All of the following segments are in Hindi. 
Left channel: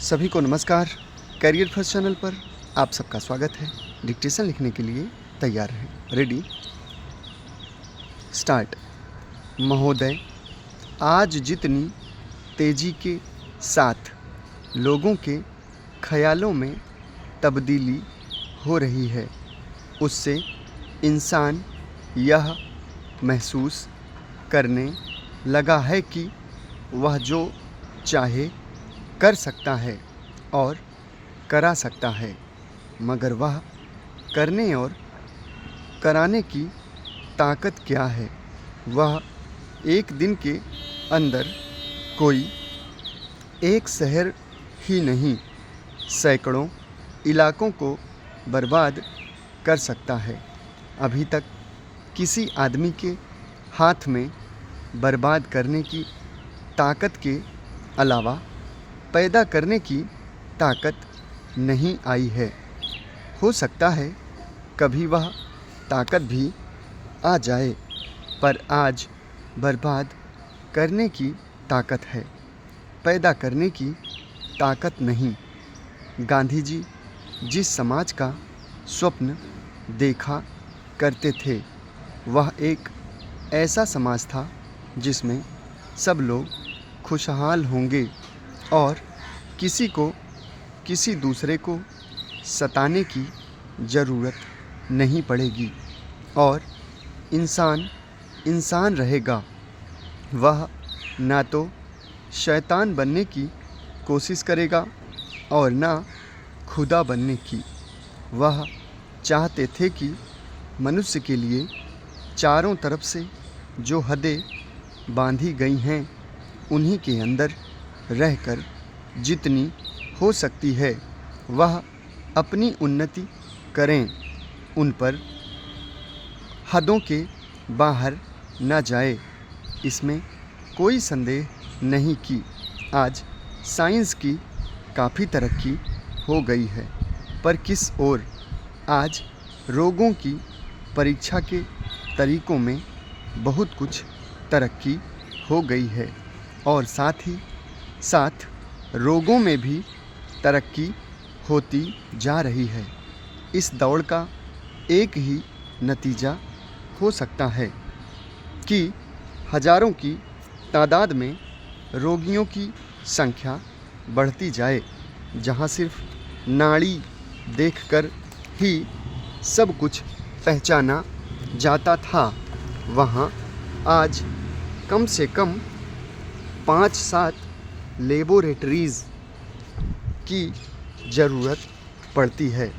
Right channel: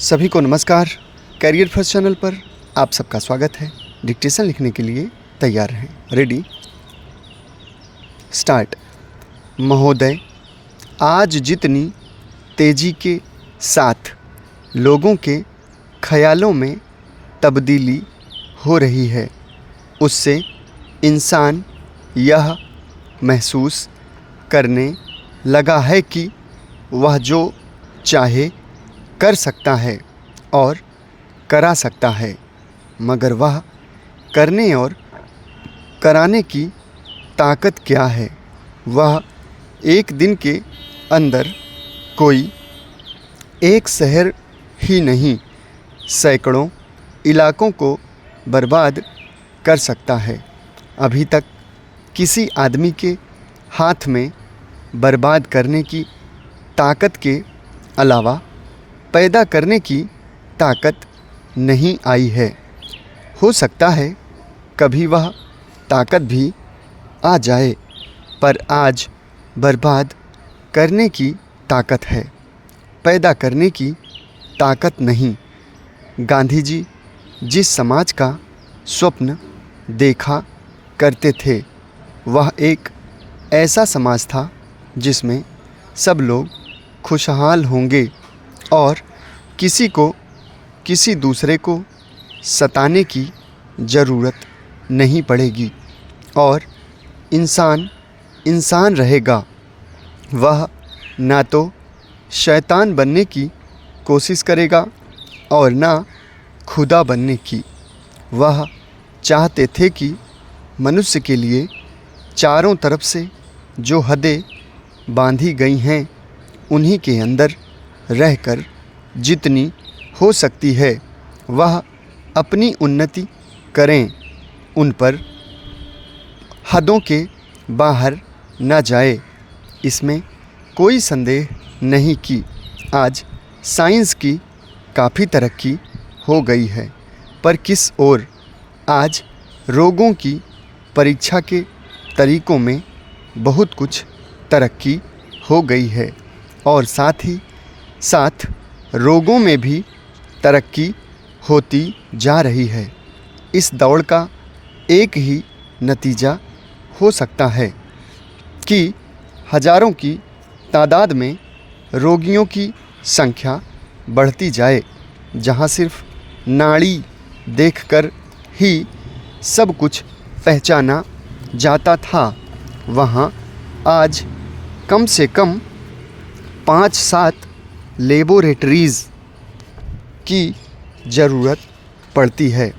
सभी को नमस्कार। करियर फर्स्ट चैनल पर आप सबका स्वागत है। डिक्टेशन लिखने के लिए तैयार हैं। Ready start. महोदय, आज जितनी तेज़ी के साथ लोगों के ख्यालों में तब्दीली हो रही है, उससे इंसान यह महसूस करने लगा है कि वह जो चाहे कर सकता है और करा सकता है, मगर वह करने और कराने की ताकत क्या है? वह एक दिन के अंदर कोई एक शहर ही नहीं, सैकड़ों इलाकों को बर्बाद कर सकता है। अभी तक किसी आदमी के हाथ में बर्बाद करने की ताकत के अलावा पैदा करने की ताकत नहीं आई है। हो सकता है कभी वह ताकत भी आ जाए, पर आज बर्बाद करने की ताकत है, पैदा करने की ताकत नहीं। गांधी जी जिस समाज का स्वप्न देखा करते थे, वह एक ऐसा समाज था जिसमें सब लोग खुशहाल होंगे और किसी को किसी दूसरे को सताने की ज़रूरत नहीं पड़ेगी और इंसान इंसान रहेगा। वह ना तो शैतान बनने की कोशिश करेगा और ना खुदा बनने की। वह चाहते थे कि मनुष्य के लिए चारों तरफ से जो हदें बांधी गई हैं, उन्हीं के अंदर रहकर जितनी हो सकती है वह अपनी उन्नति करें, उन पर हदों के बाहर न जाए। इसमें कोई संदेह नहीं कि आज साइंस की काफ़ी तरक्की हो गई है, पर किस ओर? आज रोगों की परीक्षा के तरीक़ों में बहुत कुछ तरक्की हो गई है और साथ ही साथ रोगों में भी तरक्की होती जा रही है। इस दौड़ का एक ही नतीजा हो सकता है कि हज़ारों की तादाद में रोगियों की संख्या बढ़ती जाए। जहां सिर्फ नाड़ी देखकर ही सब कुछ पहचाना जाता था, वहां आज कम से कम 5-7 लेबोरेटरीज़ की ज़रूरत पड़ती है।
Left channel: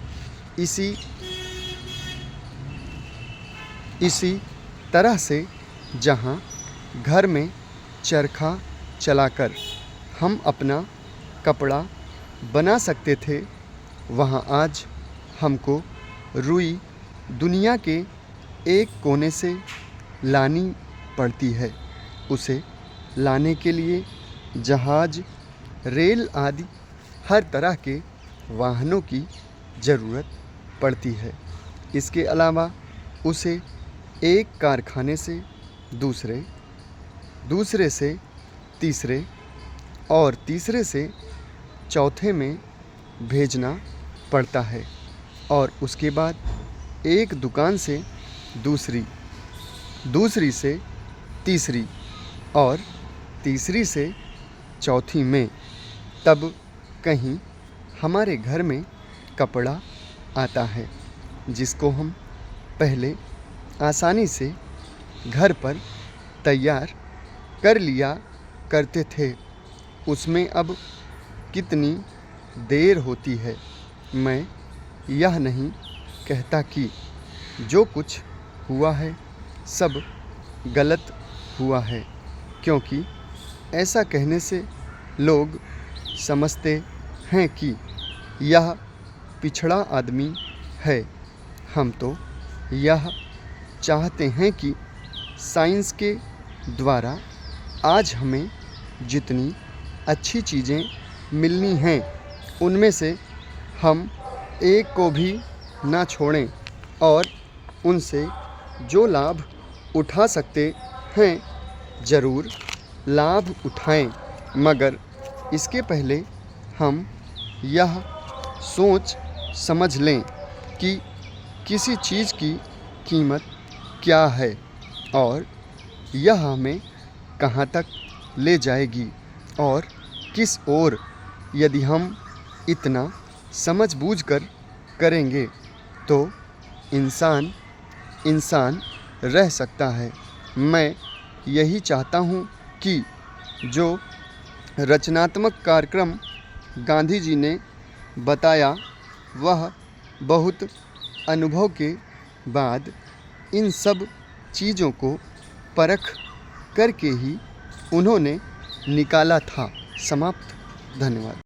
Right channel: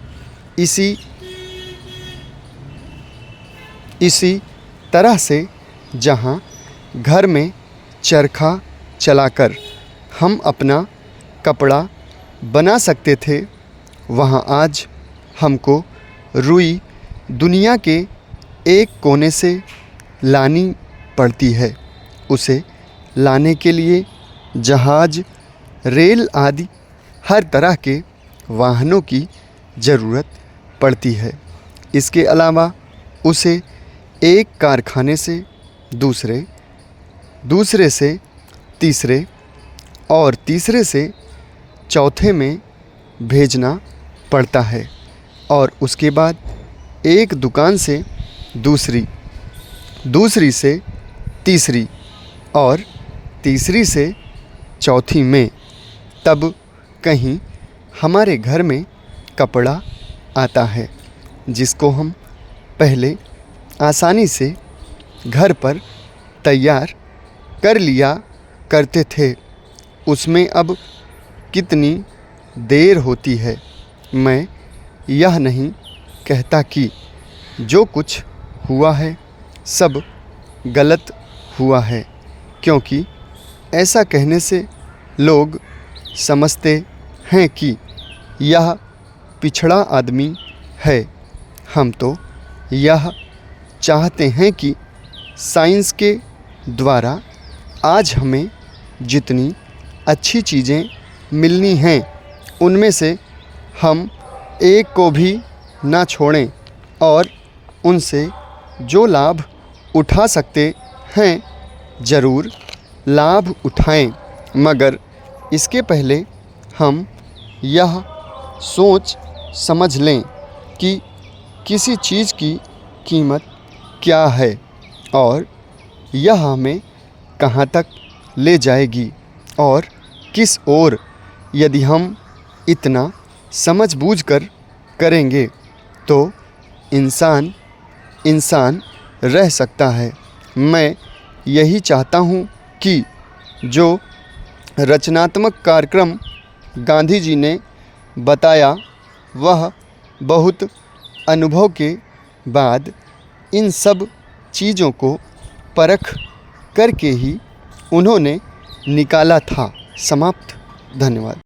इसी तरह से जहां घर में चरखा चलाकर हम अपना कपड़ा बना सकते थे, वहां आज हमको रुई दुनिया के एक कोने से लानी पड़ती है। उसे लाने के लिए जहाज़, रेल आदि हर तरह के वाहनों की ज़रूरत पड़ती है। इसके अलावा उसे एक कारखाने से दूसरे, दूसरे से तीसरे और तीसरे से चौथे में भेजना पड़ता है और उसके बाद एक दुकान से दूसरी, दूसरी से तीसरी और तीसरी से चौथी में, तब कहीं हमारे घर में कपड़ा आता है जिसको हम पहले आसानी से घर पर तैयार कर लिया करते थे। उसमें अब कितनी देर होती है। मैं यह नहीं कहता कि जो कुछ हुआ है सब गलत हुआ है, क्योंकि ऐसा कहने से लोग समझते हैं कि यह पिछड़ा आदमी है। हम तो यह चाहते हैं कि साइंस के द्वारा आज हमें जितनी अच्छी चीज़ें मिलनी हैं, उनमें से हम एक को भी ना छोड़ें और उनसे जो लाभ उठा सकते हैं ज़रूर लाभ उठाएं। मगर इसके पहले हम यह सोच समझ लें कि किसी चीज़ की कीमत क्या है और यह हमें कहाँ तक ले जाएगी और किस ओर। यदि हम इतना समझ-बूझकर करेंगे तो इंसान इंसान रह सकता है। मैं यही चाहता हूँ कि जो रचनात्मक कार्यक्रम गांधी जी ने बताया वह बहुत अनुभव के बाद इन सब चीज़ों को परख करके ही उन्होंने निकाला था। समाप्त। धन्यवाद।